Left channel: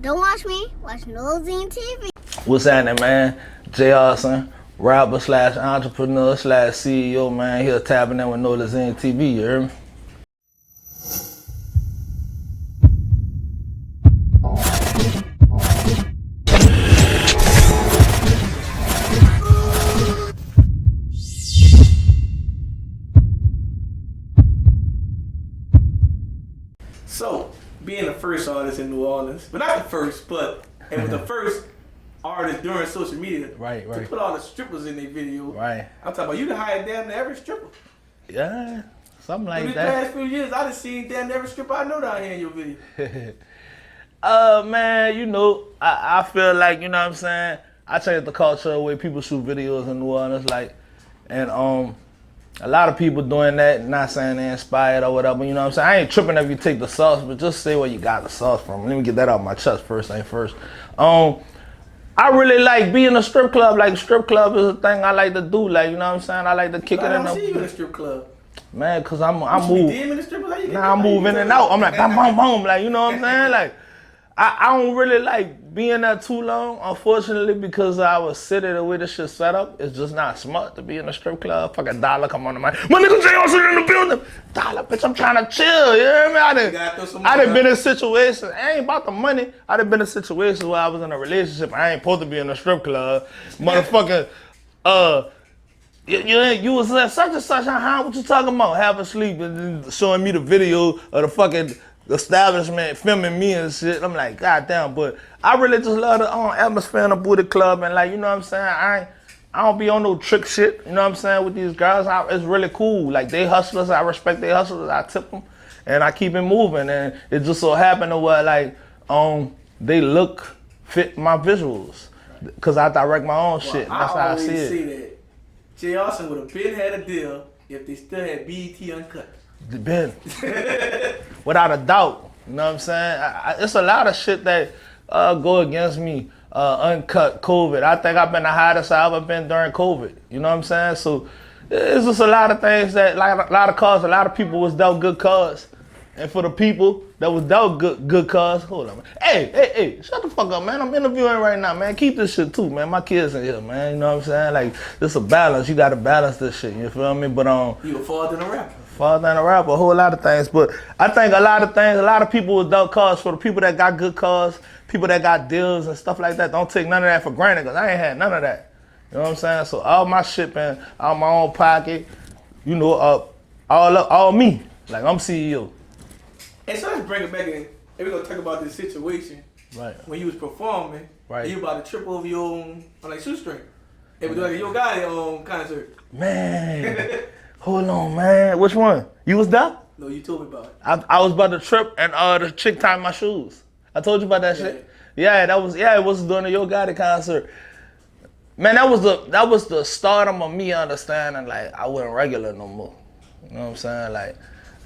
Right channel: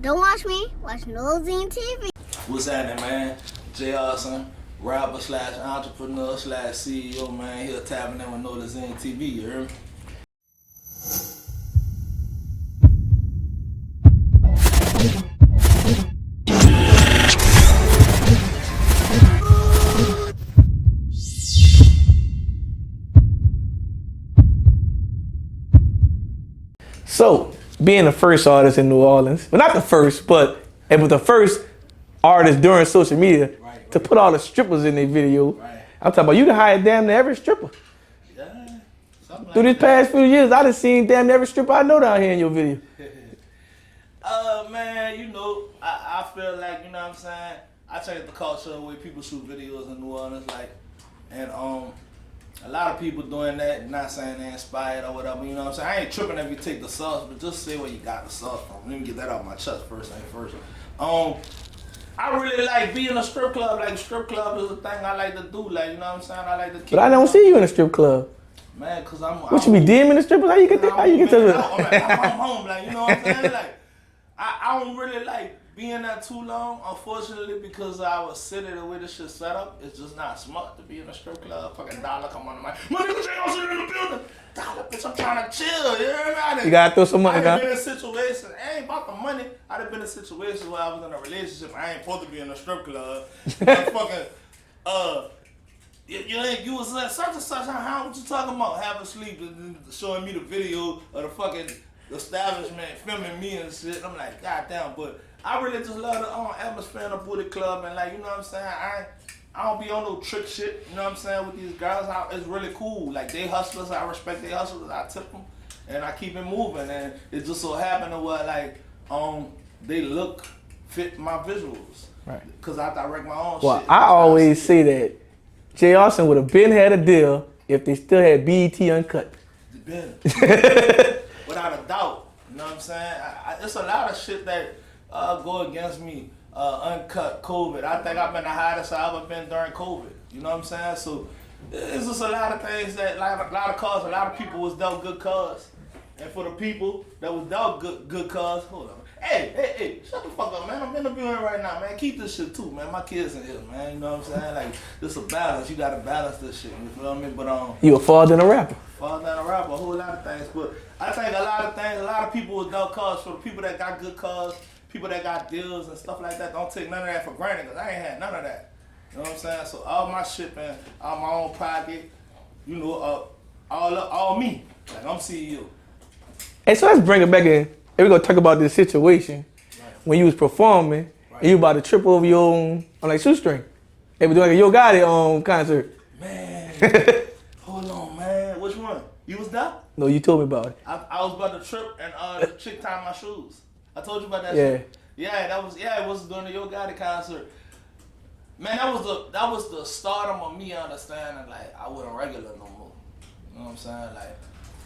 Don't watch me, watch Nolazine TV. What's happening, man? Jayarson, rapper slash entrepreneur slash CEO, man. Here tapping in with Nolazine TV, you hear me? So, being the first artist in New Orleans, well, not the first, but it was the first artist during social media to put all the strippers in their video. Right. I'm talking about you done hired damn near every stripper. Yeah, something like Through that. these past few years, I done seen damn near every stripper I know down here in your video. Man, you know, I feel like, you know what I'm saying, I changed the culture the way people shoot videos in New Orleans, like, and a lot of people doing that, not saying they inspired or whatever, you know what I'm saying? I ain't tripping if you take the sauce, but just say where you got the sauce from. Let me get that out my chest first thing first. I really like being in a strip club. Like, strip club is a thing I like to do, like, you know what I'm saying? I like to kick But I don't see you in a strip club. Man, cause I'm you be DMing the strippers? How you get that? I'm moving it out. I'm like, boom, like, you know what I'm saying? Like, I don't really like being there too long, unfortunately, because I was sitting the way this shit set up. It's just not smart to be in a strip club. Fucking Dollar come on the mic. My nigga Jayarson in the building. Dollar, bitch, I'm trying to chill, you hear me? You gotta throw some money. I done been in situations, it ain't about the money. I done been in situations where I was in a relationship. I ain't supposed to be in a strip club. Motherfucking, you was at such and such, huh? What you talking about? Having sleep and then showing me the video of the fucking establishment filming me and shit. I'm like, God damn, but I really just love the atmosphere in the booty club, and like, you know what I'm saying? I don't be on no trick shit, you know what I'm saying, with these girls. It's really cool. Like, they hustlers, I respect they hustlers, I tip them, and I keep it moving, and it just so happened to where, like, they look fit my visuals, because I direct my own shit. I always say that Jayarson would have been had a deal if they still had BET Uncut. Ben. Without a doubt, you know what I'm saying? It's a lot of shit that go against me. Uncut, COVID. I think I've been the hottest I've ever been during COVID. You know what I'm saying? So it's just a lot of things that, like a lot of cars, a lot of people was dealt good cars. And for the people that was dealt good cars, hold on, man. Hey, shut the fuck up, man. I'm interviewing right now, man. Keep this shit too, man. My kids in here, man. You know what I'm saying? Like, this a balance. You gotta balance this shit, you feel me? But you a far than a rapper. Far than a rapper, a whole lot of things. But I think a lot of people with dealt cars. For the people that got good cars, people that got deals and stuff like that, don't take none of that for granted, because I ain't had none of that. You know what I'm saying? So all my shit been out my own pocket, you know, all me. Like, I'm CEO. And so let's bring it back in. And we're gonna talk about this situation. Right. When you was performing, and you about to trip over your own on like shoestring. They was doing like a Yo Gotti concert. Man, hold on, man. Which one? You was there? No, you told me about it. I was about to trip, and the chick tied my shoes. I told you about that shit. Yeah, it was during the Yo Gotti concert. Man, that was the stardom of me understanding, like, I wasn't regular no more. You know what I'm saying? Like,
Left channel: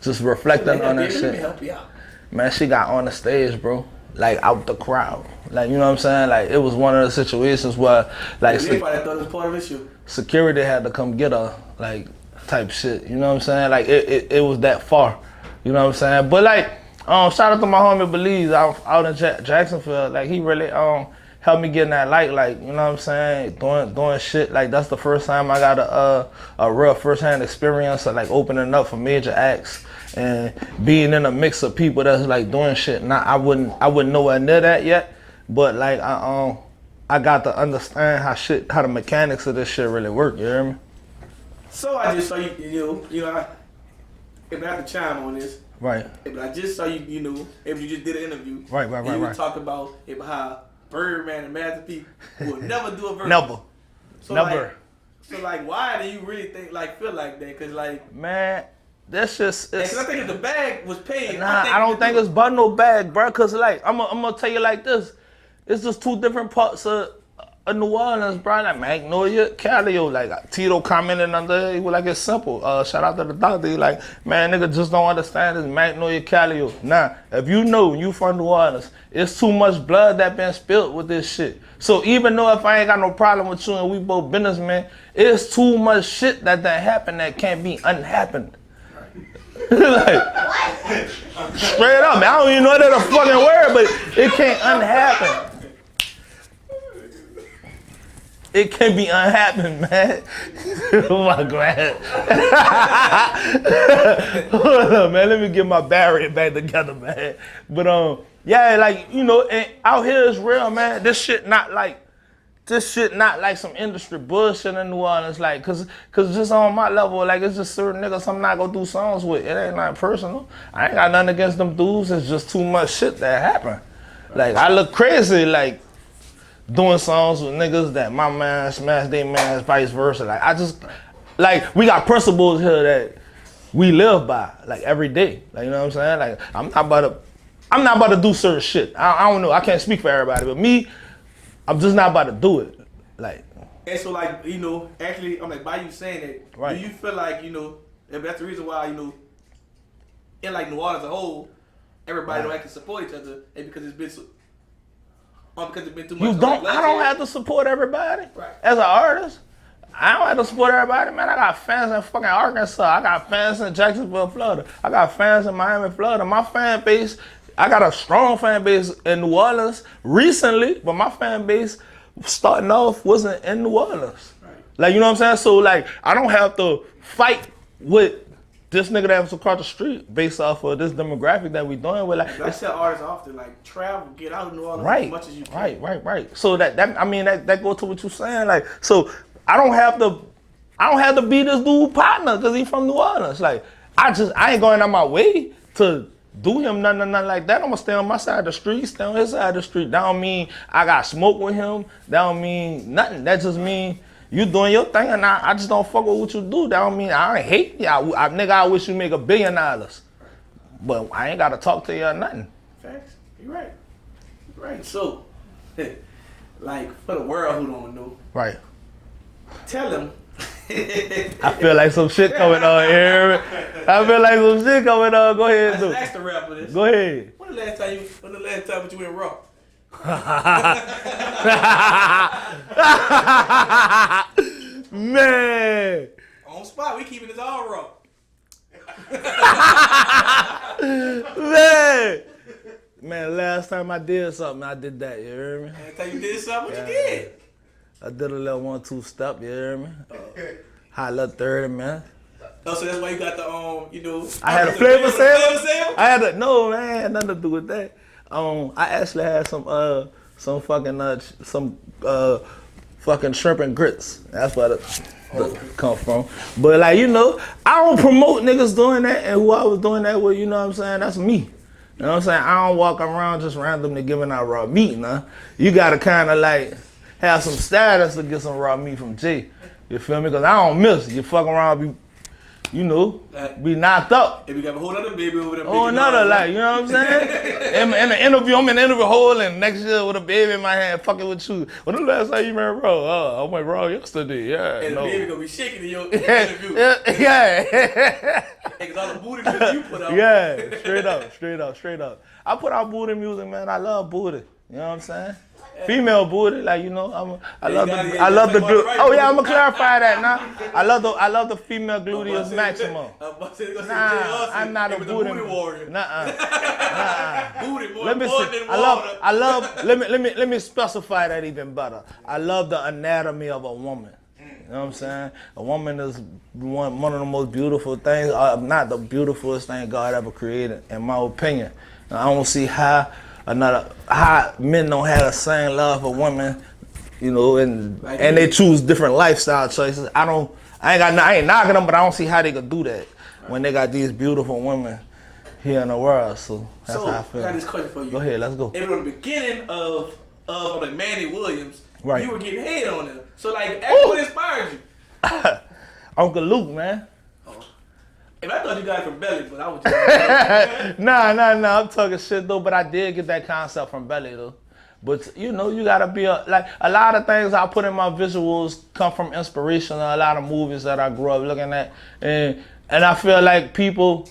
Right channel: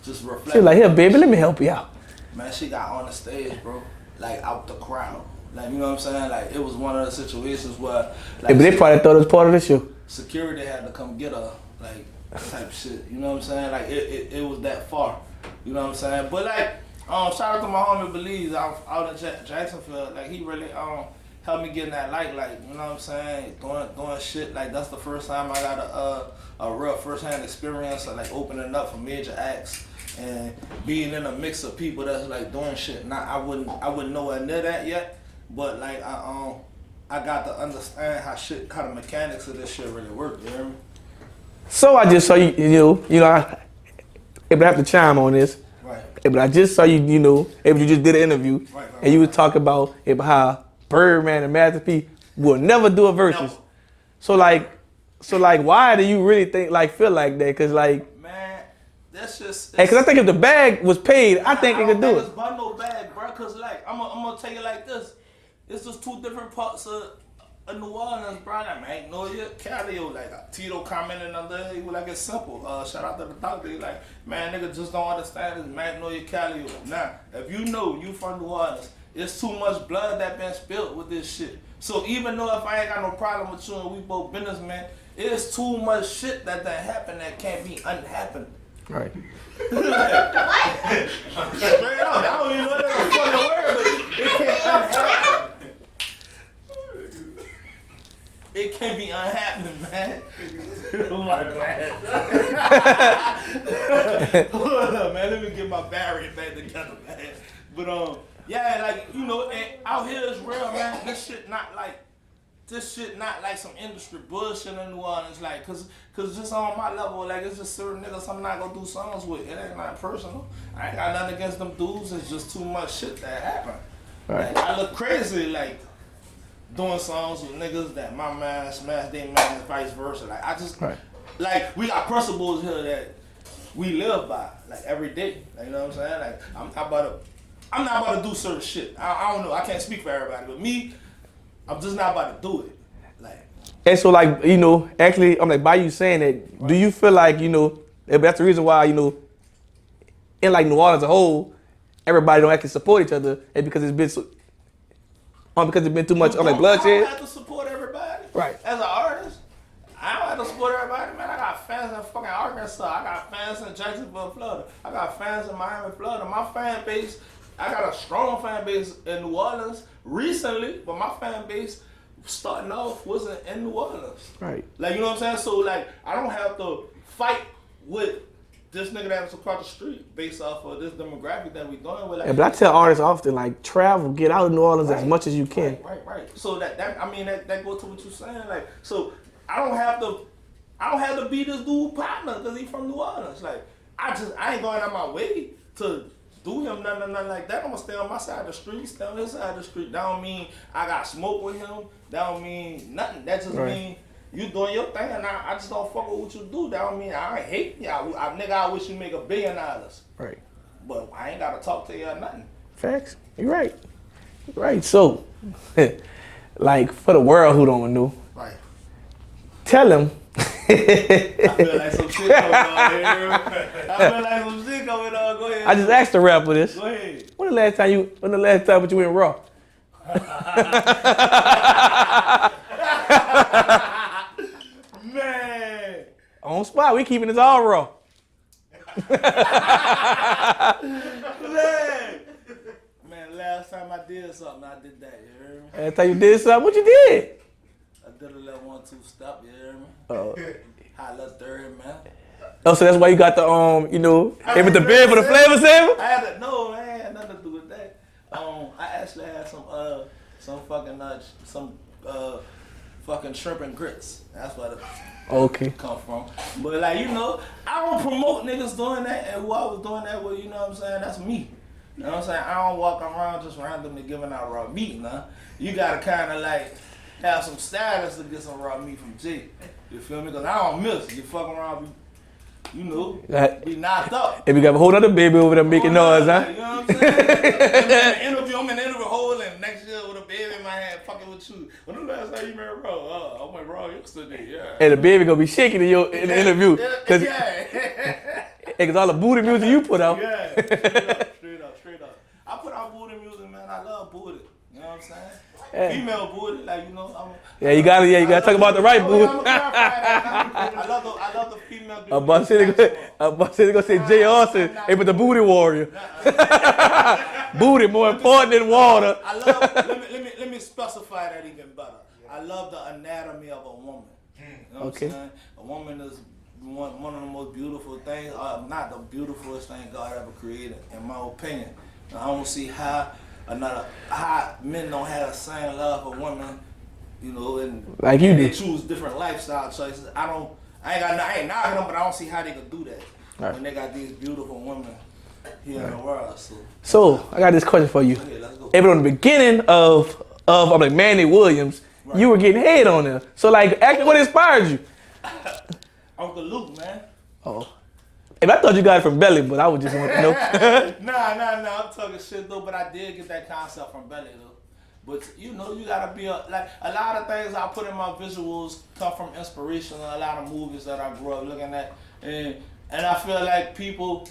just reflecting. Like, here, baby, let me help you out. Man, she got on the stage, bro. Like, out the crowd. Like, you know what I'm saying? Like, it was one of the situations where, like, they probably thought it was part of the show. Security had to come get her, like, type shit. You know what I'm saying? Like, it was that far. You know what I'm saying? But, like, shout out to my homie Belize out in Jacksonville. Like, he really helped me get in that light. Like, you know what I'm saying? Doing shit. Like, that's the first time I got a real first-hand experience of, like, opening up for major acts and being in a mix of people that's, like, doing shit. Now, I wouldn't nowhere near that yet, but, like, I got to understand how the mechanics of this shit really work. You hear me? So I just saw you know, if I have to chime on this. Right. But I just saw you if you just did an interview. Right. And you was talking about how Birdman and Master P will never do a verse. Never. So why do you really feel like that? Cause like, man, that's just. Cause I think if the bag was paid, I don't think it's about no bag, bro. Cause like, I'm gonna tell you like this. It's just two different parts of New Orleans, bro. Like Magnolia, Calio. Like, Tito commented under it, he was like, it's simple. Shout out to the doctor. He like, man, nigga just don't understand this Magnolia, Calio. Nah, if you know you from New Orleans, it's too much blood that been spilled with this shit. So even though if I ain't got no problem with you and we both businessmen, it's too much shit that happened that can't be unhappened. Right. Like, straight up, man. I don't even know that's a fucking word, but it can't unhappen. It can be unhappen, man. Oh my God. Hold up, man. Let me get my barrier back together, man. But yeah, like, you know, and out here is real, man. This shit not like some industry bullshit in New Orleans, like, cause just on my level, like, it's just certain niggas I'm not gonna do songs with. It ain't not personal. I ain't got nothing against them dudes. It's just too much shit that happen. Like, I look crazy, like, doing songs with niggas that my man smash their man, vice versa. Like, I just, like, we got principles here that we live by, like, every day. Like, you know what I'm saying? Like, I'm not about to do certain shit. I don't know. I can't speak for everybody, but me, I'm just not about to do it. Like, and so, like, you know, actually, I'm like, by you saying that, do you feel like, you know, if that's the reason why, you know, in like New Orleans as a whole, everybody don't actually support each other, and because it's been so, because it's been too much bloodshed? I don't have to support everybody. Right. As an artist, I don't have to support everybody, man. I got fans in fucking Arkansas. I got fans in Jacksonville, Florida. I got fans in Miami, Florida. My fan base, I got a strong fan base in New Orleans recently, but my fan base starting off wasn't in New Orleans. Right. Like, you know what I'm saying? So, like, I don't have to fight with this nigga that was across the street based off of this demographic that we doing with. Like, yeah, but I tell artists often, like, travel, get out of New Orleans as much as you can. Right. So that I mean, that goes to what you're saying. Like, so I don't have to be this dude partner because he's from New Orleans. Like, I ain't going out my way to do him nothing like that. I'm gonna stay on my side of the street, stay on his side of the street. That don't mean I got smoke with him. That don't mean nothing. That just mean you doing your thing, and I just don't fuck with what you do. That don't mean I ain't hate you. Nigga, I wish you make $1 billion. Right. But I ain't gotta talk to you or nothing. Facts. You're right. Right. So, like, for the world who don't know, right. Tell them. I feel like some shit coming on here. I feel like some shit coming on. Go ahead. I just asked the rapper this. Go ahead. When the last time that you went raw? Man. On spot, we keeping this all raw. Man, last time I did something, I did that, you hear me? Last time you did something, what you did? I did a little 1-2 step, you hear me? High little 30, man. Oh, so that's why you got the, you know, I had the bed for the flavor sample? I had no, man, I had nothing to do with that. I actually had some fucking shrimp and grits. That's where the come from. But, like, you know, I don't promote niggas doing that, and who I was doing that with, you know what I'm saying? That's me. You know what I'm saying? I don't walk around just randomly giving out raw meat, nah. You gotta kind of, like, have some status to get some raw meat from Jay. You feel me? Because I don't miss. You fuck around, be knocked up. If you got a whole other baby over there making noise, like, you know what I'm saying? in the interview, I'm in the interview hole, and next year with a baby in my hand, fucking with you. When the last time you met Raw? Oh, I went Raw yesterday, yeah. And the baby gonna be shaking in your interview. Yeah. Because all the booty music you put out. Yeah, straight up. I put out booty music, man. I love booty. You know what I'm saying? Yeah. Female booty, like, you know, you gotta talk about the right booty. Oh yeah, I'm gonna clarify that now. I love the female booty. I'm about to gonna say Jayarson, hey, but the booty warrior. Booty more important than water. I love. Let me specify that even better. I love the anatomy of a woman. You know what I'm saying? A woman is one of the most beautiful things, not the beautifulest thing God ever created, in my opinion. And I don't see how men don't have the same love for women, you know, and they choose different lifestyle choices. I ain't knocking them, but I don't see how they could do that when they got these beautiful women here in the world. So I got this question for you. Go ahead, let's go. Even on the beginning of like Manny Williams, you were getting head on there. So, like, actually, what inspired you? Uncle Luke, man. Oh. If I thought you got it from Belly, but I was just Nah, I'm talking shit though, but I did get that concept from Belly though. But you know, you gotta be like a lot of things I put in my visuals come from inspiration of a lot of movies that I grew up looking at. And I feel like people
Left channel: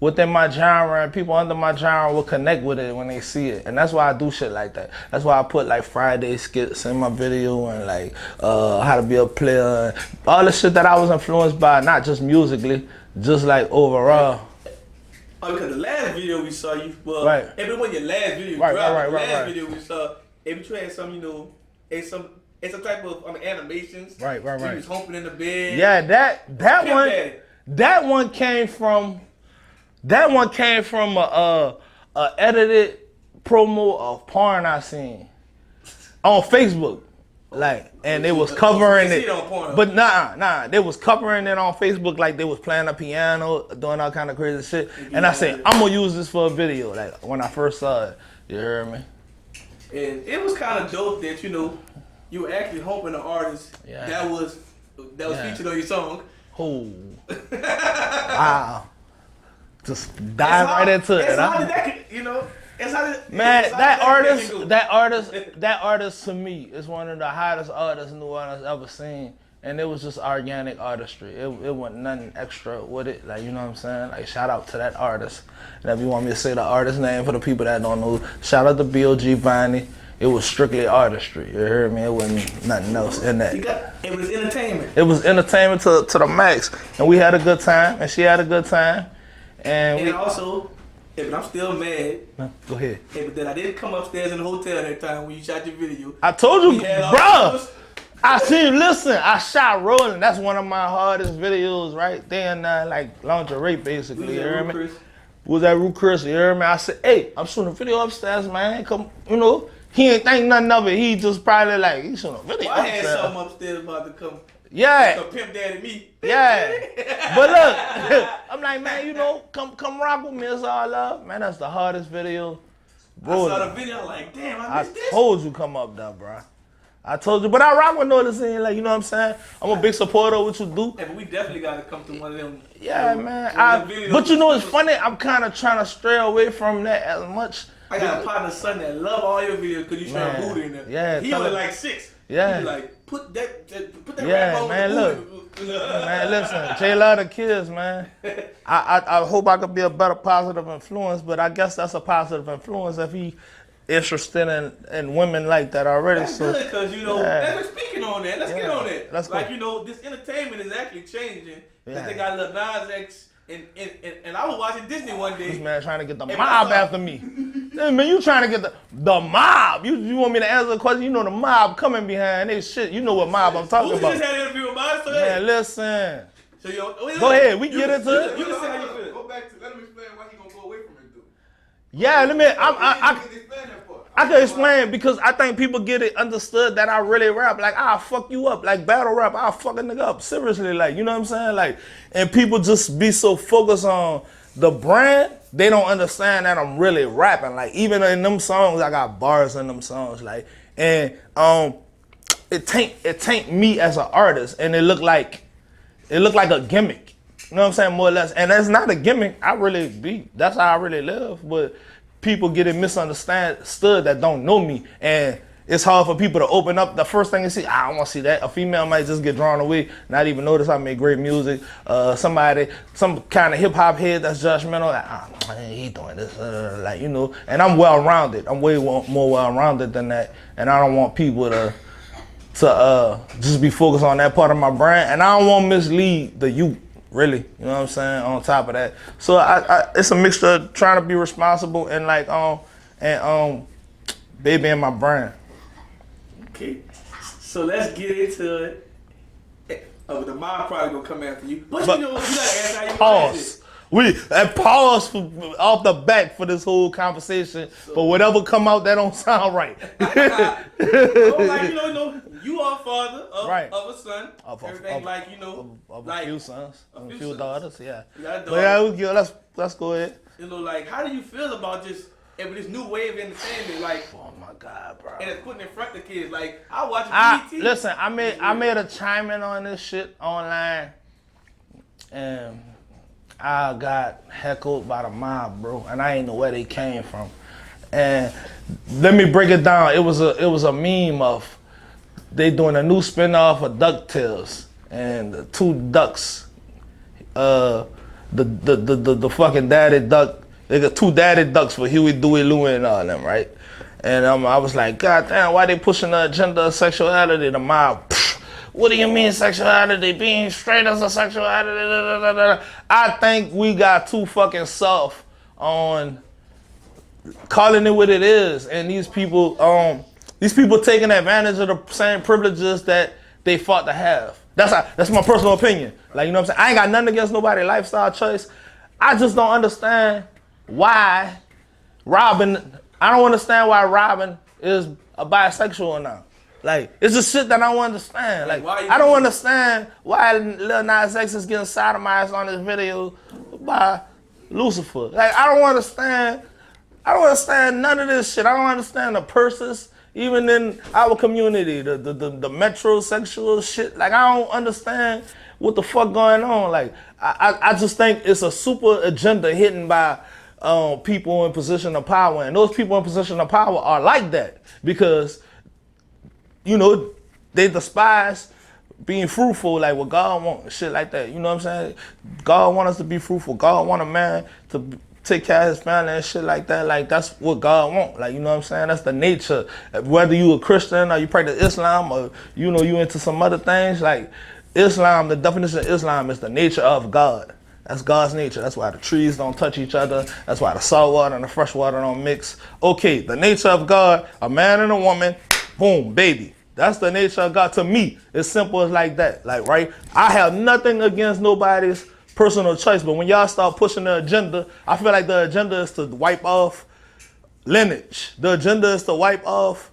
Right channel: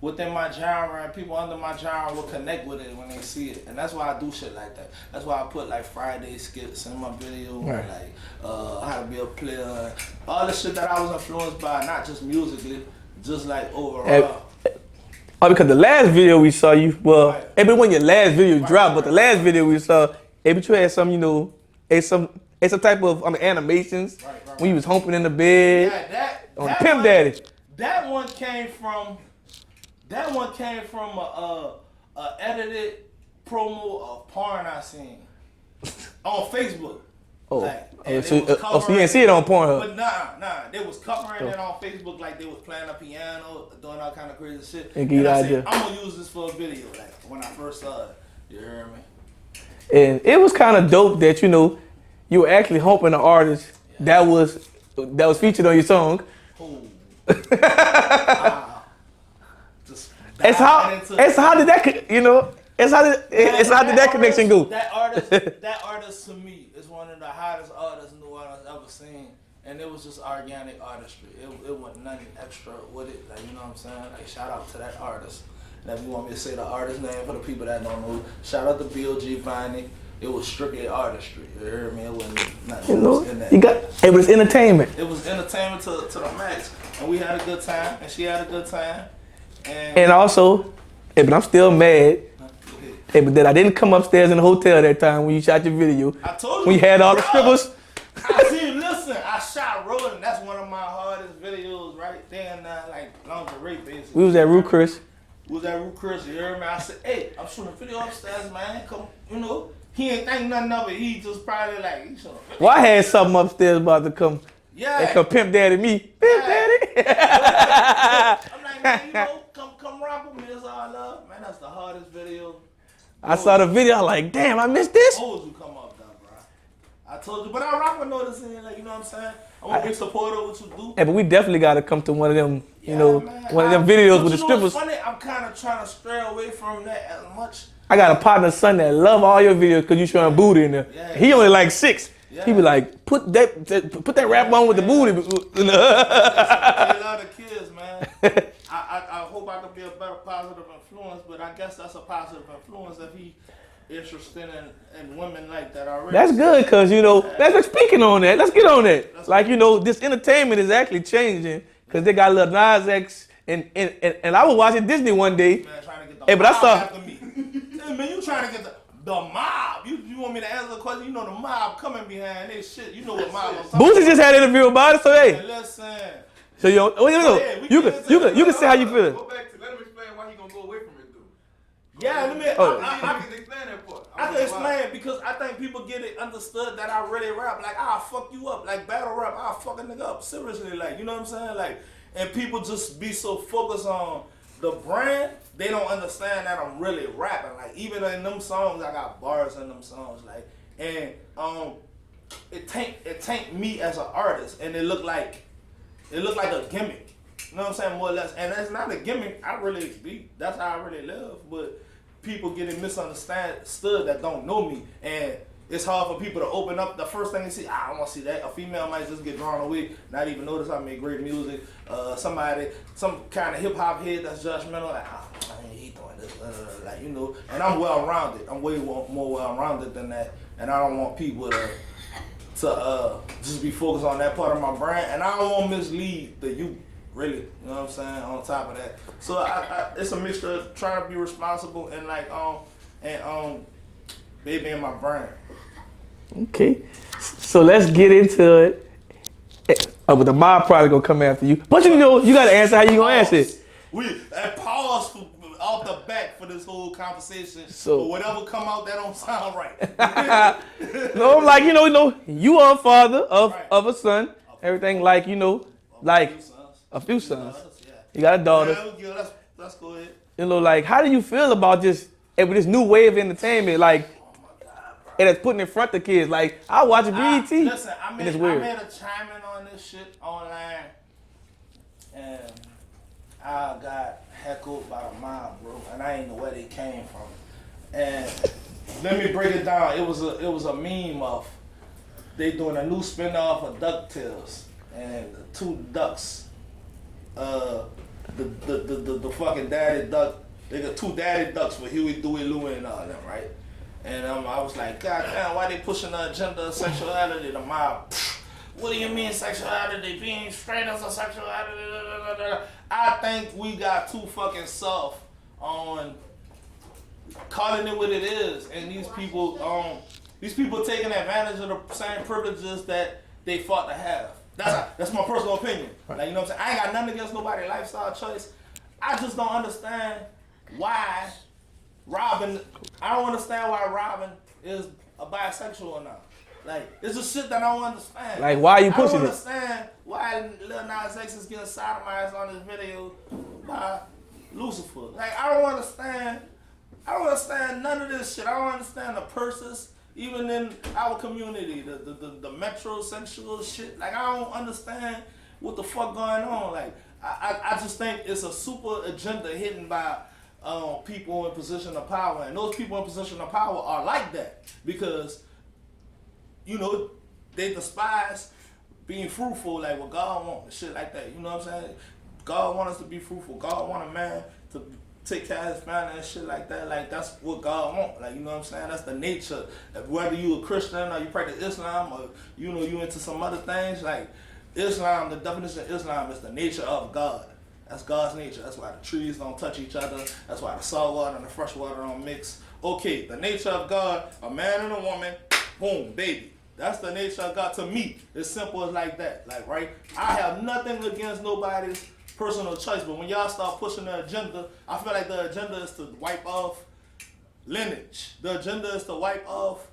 within my genre and people under my genre will connect with it when they see it. And that's why I do shit like that. That's why I put like Friday skits in my video and like how to be a player. All the shit that I was influenced by, not just musically, just like overall. Oh, because the last video we saw you, well, Right. it been when your last video dropped, but the last right. video we saw, but you had some, you know, it's a type of animations. Right. When you was humping in the bed. Yeah, that Pimp one, Daddy. That one came from a edited promo of porn I seen on Facebook. And they was covering so you didn't see it on Pornhub. But nah, they was covering it on Facebook like they was playing a piano, doing all kind of crazy shit. And I said, I'm gonna use this for a video. Like when I first saw it, you heard me? And it was kind of dope that, you know, you were actually humping an artist that was featured on your song. Oh, wow. Just dive right into it. It's how did that, you know? How did that connection go? That artist to me is one of the hottest artists New Orleans ever seen, and it was just organic artistry. It wasn't nothing extra with it, like, you know what I'm saying? Like, shout out to that artist. And if you want me to say the artist name for the people that don't know, shout out to B.O.G. Viney. It was strictly artistry. You heard me? It wasn't nothing else in that. It was entertainment. It was entertainment to the max, and we had a good time, and she had a good time, and also. Hey, but I'm still mad. Go ahead. Hey, but then I didn't come upstairs in the hotel that time when you shot your video. I told you. We had all the strippers. I shot Rolling. That's one of my hardest videos right there and like lingerie basically. We was at Rue Chris. We was at Rue Chris, you heard me? I said, hey, I'm shooting a video upstairs, man. Come, you know, he ain't think nothing of it. He just probably like, he's shooting a video. Well, I had something upstairs about to come. Yeah. Like Pimp Daddy me. Pimp Daddy. But look, I'm like, man, you know, come rock with me. It's all love. Man, that's the hardest video. I saw the video, I'm like, damn, I missed this. I told you come up there, bro. I told you, but I rock with Nolazine, like, you know what I'm saying? I'm a big supporter of what you do. Yeah, but we definitely got to come to one of them, yeah, you know, man. one of them videos. But you know what's funny? I'm kind of trying to stray away from that as much. I got a partner son that love all your videos because you showing booty in there. Yeah. He only like 6. Yeah. He be like, put that rap on with the booty. Man, listen, they love the kids, man. I hope I could be a better positive influence, but I guess that's a positive influence if he interested in women like that already. That's good, because, you know, let's speaking on that. Let's get on that. That's like, you know, this entertainment is actually changing because they got Lil Nas X, and I was watching Disney one day. Man, trying to get the mob after me. Man, you trying to get the mob. You want me to answer the question? You know the mob coming behind this shit. You know what mob I'm talking about. Boosie just had an interview about it, so hey. Man, listen. So go ahead. You can say how you feel. Go back to let him explain why he gonna go away from it, though. Yeah, let me. I can part. explain because I think people get it understood that I really rap. Like, I'll fuck you up. Like, battle rap, I'll fuck a nigga up. Seriously, like, you know what I'm saying? Like, and people just be so focused on the brand, they don't understand that I'm really rapping. Like, even in them songs, I got bars in them songs. Like, and it taint me as an artist, and it look like a gimmick. You know what I'm saying? More or less. And that's not a gimmick. That's how I really live. But people get it misunderstood that don't know me. And it's hard for people to open up. The first thing they see, I don't want to see that. A female might just get drawn away, not even notice I make great music. Some kind of hip hop head that's judgmental, like, man, he doing this, like, you know. And I'm well-rounded. I'm way more well-rounded than that. And I don't want people to just be focused on that part of my brand. And I don't want to mislead the youth, really. You know what I'm saying? On top of that. So it's a mixture of trying to be responsible and like, baby in my brand. Okay, so let's get into it. But the mob probably gonna come after you. But you know, you gotta answer how you gonna answer it. Pause off the back for this whole conversation. But whatever come out, that don't sound right. Like, you know, you are a father of a son. Everything like, you know, like a few sons. Daughters, yeah. You got a daughter. Yeah, let's go ahead. You know, like, how do you feel about this new wave of entertainment? Like, and it's putting in front of kids. Like, I watch BET. Listen, I made a chime in on this shit online, and I got heckled by the mob, bro, and I ain't know where they came from. And let me break it down. It was a meme of they doing a new spinoff of DuckTales, and the two ducks, the fucking daddy duck. They got two daddy ducks for Huey, Dewey, Louie, and all them, right? And I was like, God damn, why they pushing the agenda of sexuality? The mob, what do you mean sexuality? Being straight as a sexuality? I think we got too fucking soft on calling it what it is, and these people taking advantage of the same privileges that they fought to have. That's my personal opinion. Like, you know what I'm saying? I ain't got nothing against nobody's lifestyle choice. I just don't understand why Robin is a bisexual or not. Like, it's just shit that I don't understand. Like, why are you I don't pushing it? understand why Lil Nas X is getting sodomized on this video by Lucifer. Like, I don't understand none of this shit. I don't understand the purses, even in our community, the metrosexual shit. Like, I don't understand what the fuck going on. Like, I just think it's a super agenda hidden by people in position of power. And those people in position of power are like that because, you know, they despise being fruitful, like what God wants, shit like that. You know what I'm saying? God wants us to be fruitful. God want a man to take care of his family and shit like that. Like, that's what God wants. Like, you know what I'm saying? That's the nature. Whether you a Christian or you practice Islam or, you know, you into some other things, like Islam, the definition of Islam is the nature of God. That's God's nature. That's why the trees don't touch each other. That's why the salt water and the fresh water don't mix. Okay, the nature of God, a man and a woman, boom, baby. That's the nature of God to me. It's simple as like that. Like, right? I have nothing against nobody's personal choice, but when y'all start pushing the agenda, I feel like the agenda is to wipe off lineage. The agenda is to wipe off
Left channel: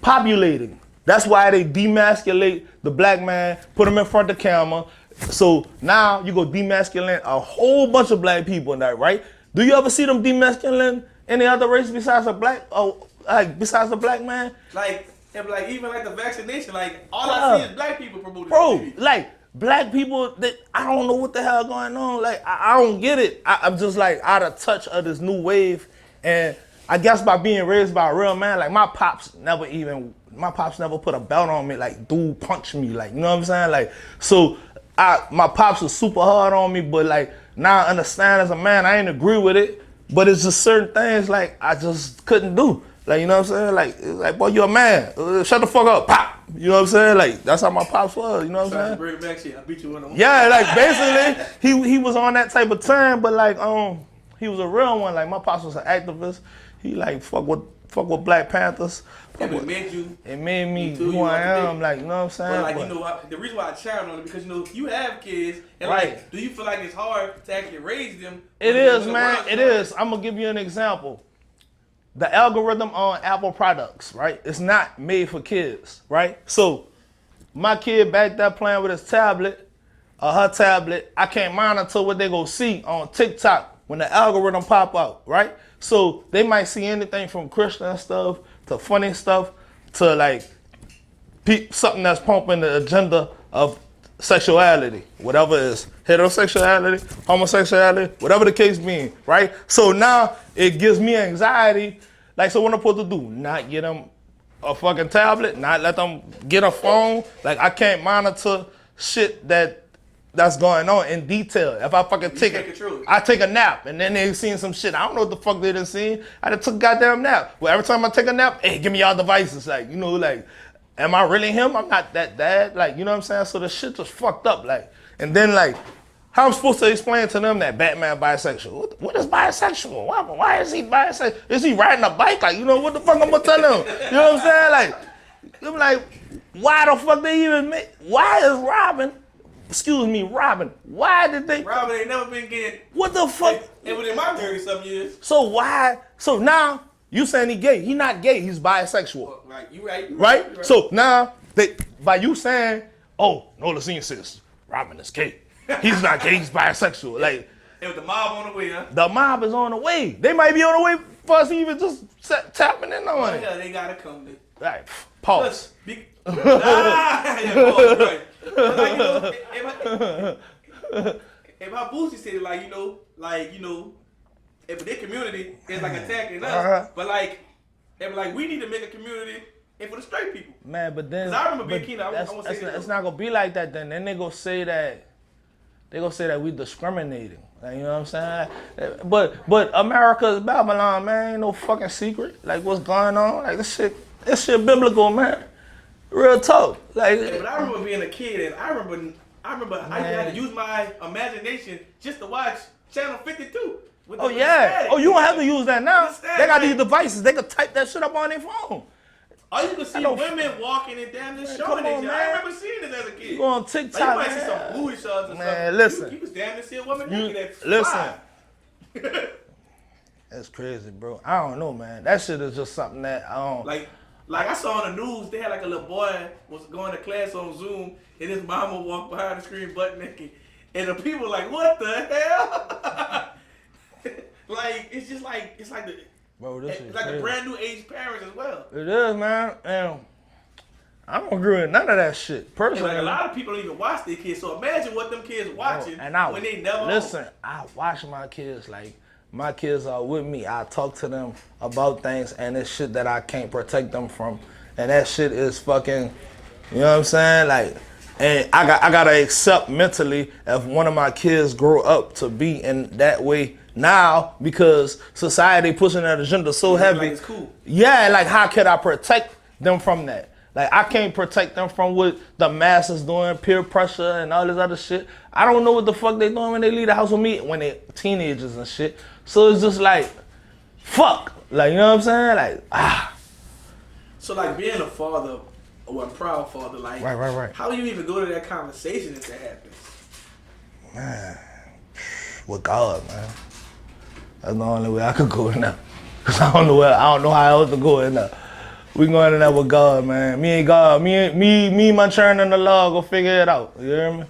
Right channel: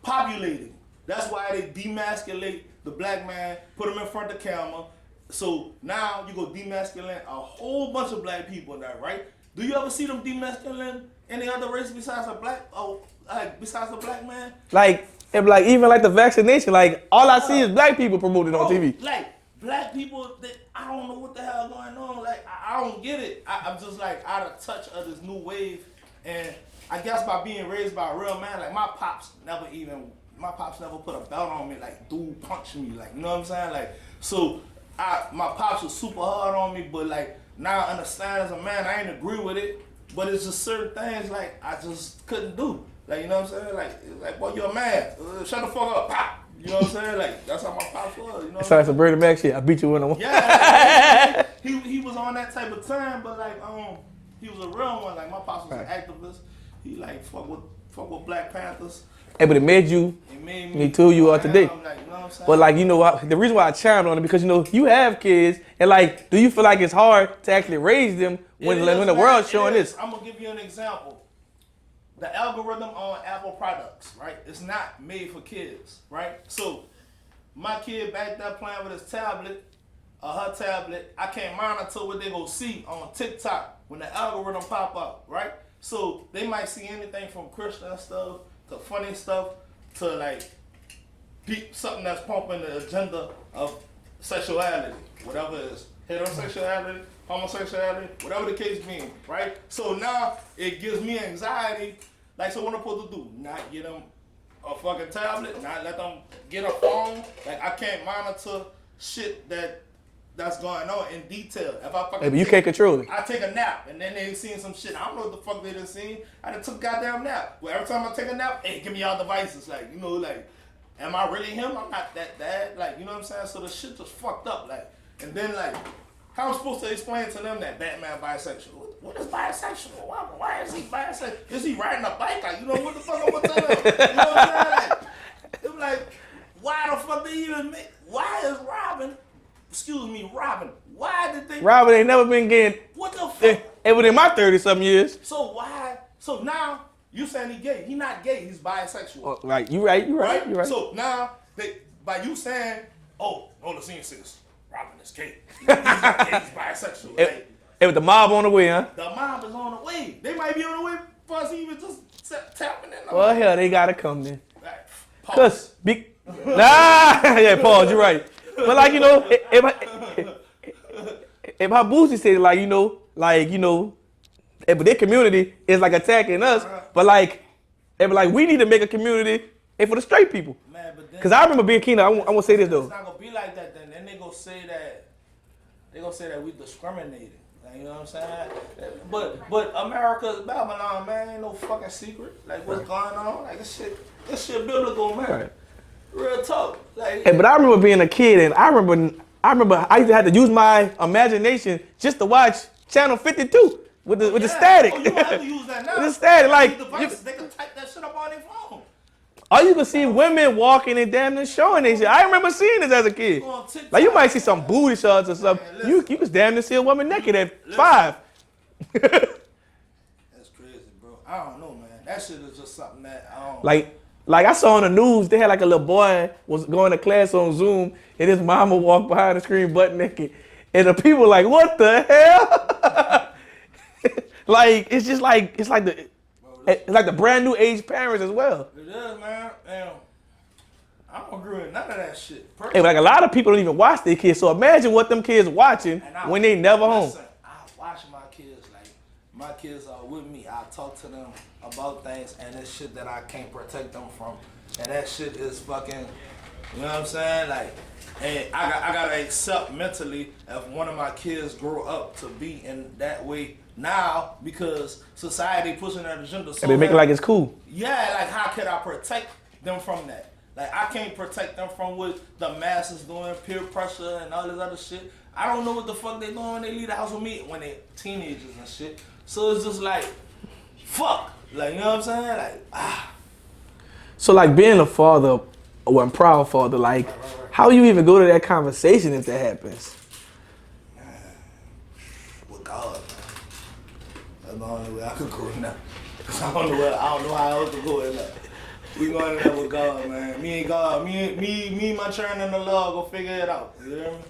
populating. That's why they demasculate the black man, put him in front of the camera. So now you go demasculate a whole bunch of black people in that, right? Do you ever see them demasculate any other race besides a black, besides the black man? Like even like the vaccination, like all I see is black people promoting on TV. Like black people, I don't know what the hell going on. Like I don't get it. I'm just like out of touch of this new wave, and I guess by being raised by a real man, like my pops never put a belt on me. Like, dude punched me. Like, you know what I'm saying? Like, so my pops was super hard on me, but like now I understand as a man, I ain't agree with it, but it's just certain things like I just couldn't do. Like, you know what I'm saying? Like, it's like, boy, you a man. Shut the fuck up. Pop. You know what I'm saying? Like, that's how my pops was. You know what I'm saying? Some Bernie Mac shit. I beat you 1-on-1. Yeah, like basically, he was on that type of time, but like, he was a real one. Like, my pops was an activist. He like fuck with Black Panthers. Hey, but it made me too you are today. Like, you know what I'm saying? But like, you know what? The reason why I chimed on it because, you know, you have kids, and like, do you feel like it's hard to actually raise them when the world's showing this? I'm gonna give you an example. The algorithm on Apple products, right? It's not made for kids, right? So my kid back there playing with his tablet or her tablet, I can't monitor what they gonna see on TikTok when the algorithm pop up, right? So they might see anything from Christian stuff to funny stuff to like something that's pumping the agenda of sexuality, whatever it is, heterosexuality, homosexuality, whatever the case being, right? So now it gives me anxiety. Like, so what I'm supposed to do? Not get them a fucking tablet, not let them get a phone. Like, I can't monitor shit that's going on in detail. If I fucking you can't control it. I take a nap and then they seen some shit. I don't know what the fuck they done seen. I done took a goddamn nap. Well, every time I take a nap, hey, give me all devices. Like, you know, like, am I really him? I'm not that dad. Like, you know what I'm saying? So the shit just fucked up. Like, and then like, how I'm supposed to explain to them that Batman bisexual? What is bisexual? Why is he bisexual? Is he riding a bike? Like, you know, what the fuck I'm gonna tell them? You know what I'm saying? Like, I'm like, why the fuck they even make, why is Robin, why did they? Robin ain't never been getting, what the fuck? It within my 30-something years. So why, so now, you saying he gay. He not gay, he's bisexual. Like, you right. So now, by you saying, oh, Nolazine says Robin is gay. He's not gay, he's bisexual. Like, hey, with the mob on the way, huh? The mob is on the way. They might be on the way for us to even just tapping in on. Well, hell, they gotta come then. Right. Pause. Yeah, pause, you're right. But like, you know, if my Boosie said like, you know, if their community is like attacking us, but like, we need to make a community for the straight people. Man, but then. Because I remember being Keenan, I want to say this though. It's not gonna be like that then. Then they gonna say that we discriminating. Like, you know what I'm saying? But America is Babylon, man. Ain't no fucking secret. Like, what's going on? Like, this shit biblical, man. Real talk. Like, hey, but I remember being a kid, and I remember I used to have to use my imagination just to watch Channel 52. with the static. Oh, you don't have to use that now. With the static, They got like, these devices. They can type that shit up on their phone. All you can see women walking and damn near showing this shit. I remember seeing this as a kid. You on TikTok, Like you might see man. some booty shots or something. Listen. You was damn near see a woman naked at listen. 5. That's crazy, bro. I don't know, man. That shit is just something that I don't. Like I saw on the news, they had like a little boy was going to class on Zoom, and his mama walked behind the screen butt naked, and the people like, what the hell? Like it's just like it's like the brand new age parents as well. It is, man. And I don't agree with none of that shit. Personally. Hey, like a lot of people don't even watch their kids, so imagine what them kids watching when they never home. Listen, I watch my kids like. My kids are with me. I talk to them about things, and it's shit that I can't protect them from. And that shit is fucking, you know what I'm saying? Like, and I gotta accept mentally if one of my kids grow up to be in that way now because society pushing that agenda so heavy. Like it's cool. Yeah, like how could I protect them from that? Like I can't protect them from what the masses doing, peer pressure and all this other shit. I don't know what the fuck they doing when they leave the house with me when they teenagers and shit. So it's just like, fuck. Like, you know what I'm saying? Like, So like being a father, or a proud father, like right. how you even go to that conversation if that happens? Man, with God, man. That's the only way I could go in there. Cause I don't know how else to go in there. We going in there with God, man. Me and God, me, my churn and the law go figure it out. You hear me?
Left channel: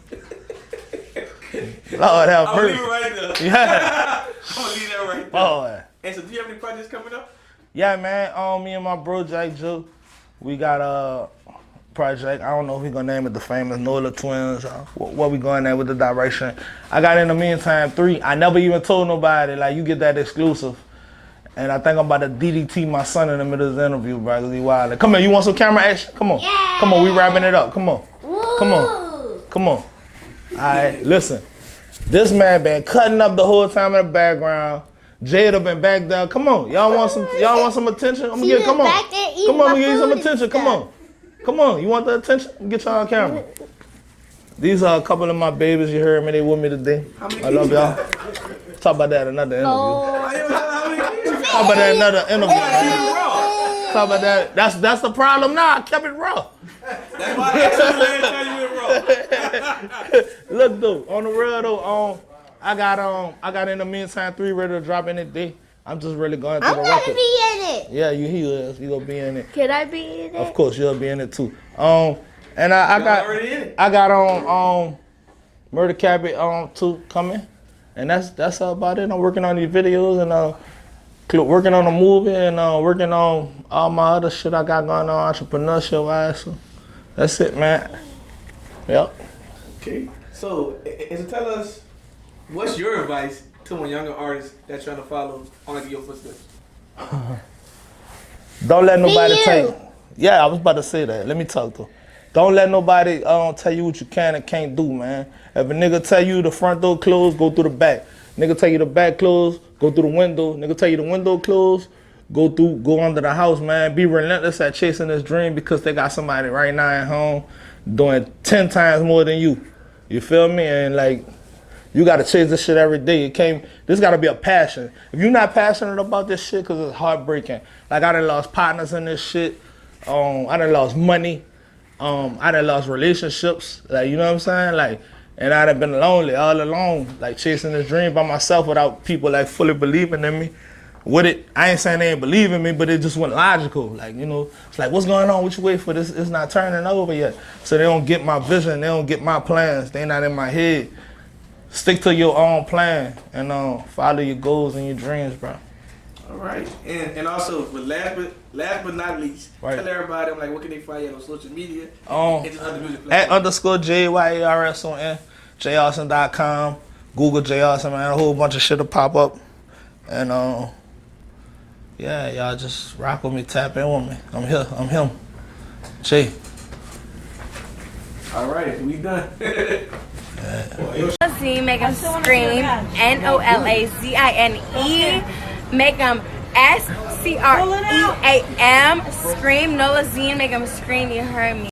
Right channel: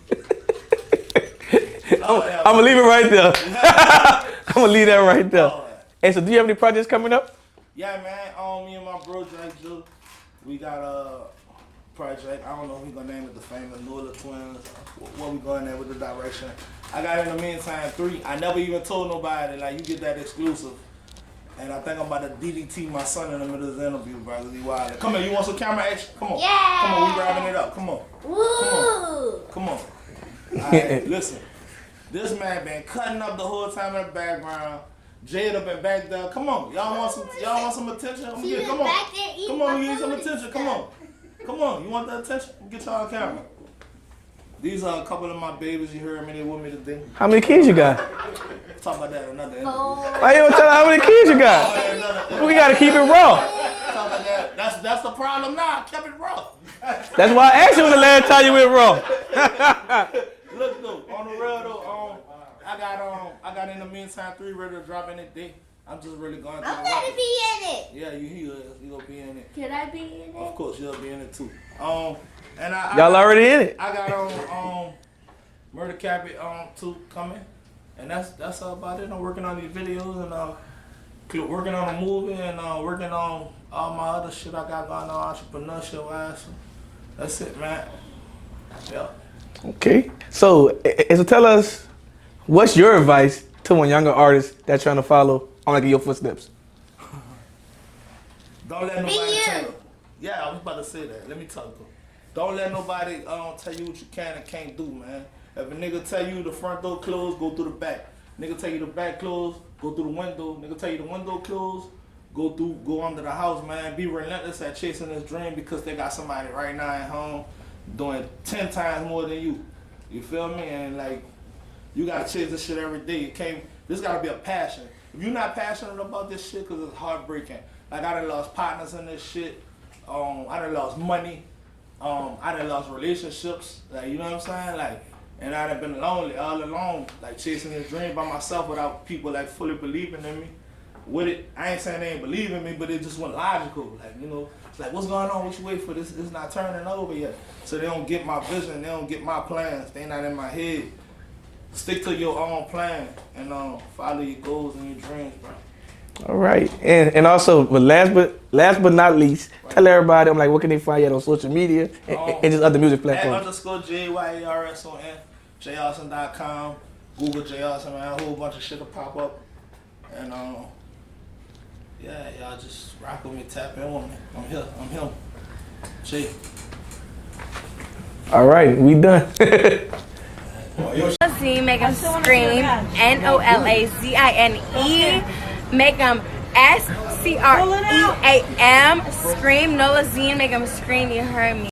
Lord, I'm gonna leave it right there. Yeah. I'm gonna leave that right there. Lord. And so, do you have any projects coming up? Yeah, man. Me and my bro Jake Joe, we got a project. I don't know if we gonna name it the famous Nola Twins. What we going there with the direction? I got in the meantime 3. I never even told nobody. Like you get that exclusive. And I think I'm about to DDT my son in the middle of the interview, bro. Cause he wild. Come on, you want some camera action? Come on. Yeah. Come on, we wrapping it up. Come on. Woo. Come on. All right, listen. This man been cutting up the whole time in the background. Jada been back there. Come on, y'all want some attention? I'm gonna get. Come on, come on, give you some attention. Come on. You want the attention? Get y'all on camera. These are a couple of my babies. You heard me. They with me today. How many kids you got? Talk about that in another interview. I ain't gonna tell how many kids you got. Talk about that in another interview. We gotta keep it raw. Talk about that. That's the problem now. I kept it raw. That's why I asked you the last time you went raw. Look though, on the real though, I got in the meantime 3 ready to drop in it day. I'm just really going through I'm the gonna record. be in it. Yeah, he is. You gonna be in it. Can I be in it? Of course, you'll be in it too. And I Y'all got, already in it. I got on Murder Cabbage 2 coming, and that's about it. I'm working on these videos and working on a movie and working on all my other shit I got going on entrepreneurship wise. So that's it, man. Yep. Okay. So tell us, what's your advice to one younger artist that's trying to follow on your footsteps? Don't let nobody you. tell you. Yeah, I was about to say that. Let me talk to him. Don't let nobody tell you what you can and can't do, man. If a nigga tell you the front door closed, go through the back. Nigga tell you the back closed, go through the window. Nigga tell you the window closed, go under the house, man. Be relentless at chasing this dream because they got somebody right now at home doing 10 times more than you. You feel me? And like, you gotta chase this shit every day. This gotta be a passion. If you're not passionate about this shit, cause it's heartbreaking. Like I done lost partners in this shit. I done lost money. I done lost relationships. Like, you know what I'm saying? Like, and I done been lonely all alone, like chasing this dream by myself without people like fully believing in me. With it, I ain't saying they ain't believe in me, but it just wasn't logical. Like, you know, it's like, what's going on? What you wait for? This it's not turning over yet. So they don't get my vision. They don't get my plans. They not in my head. Stick to your own plan and follow your goals and your dreams, bro. All right. And also, but last but not least, right. Tell everybody, I'm like, what can they find you on social media and just other music platforms? @_JYARSON, Jayarson.com, Google Jayarson, man. A whole bunch of shit will pop up. And yeah, y'all just rock with me, tap in with me. I'm here. I'm him. Jay. All right, we done. Nolazine, make them scream. Nolazine. Make them SCREAM. Scream. Nolazine, make them scream. You heard me.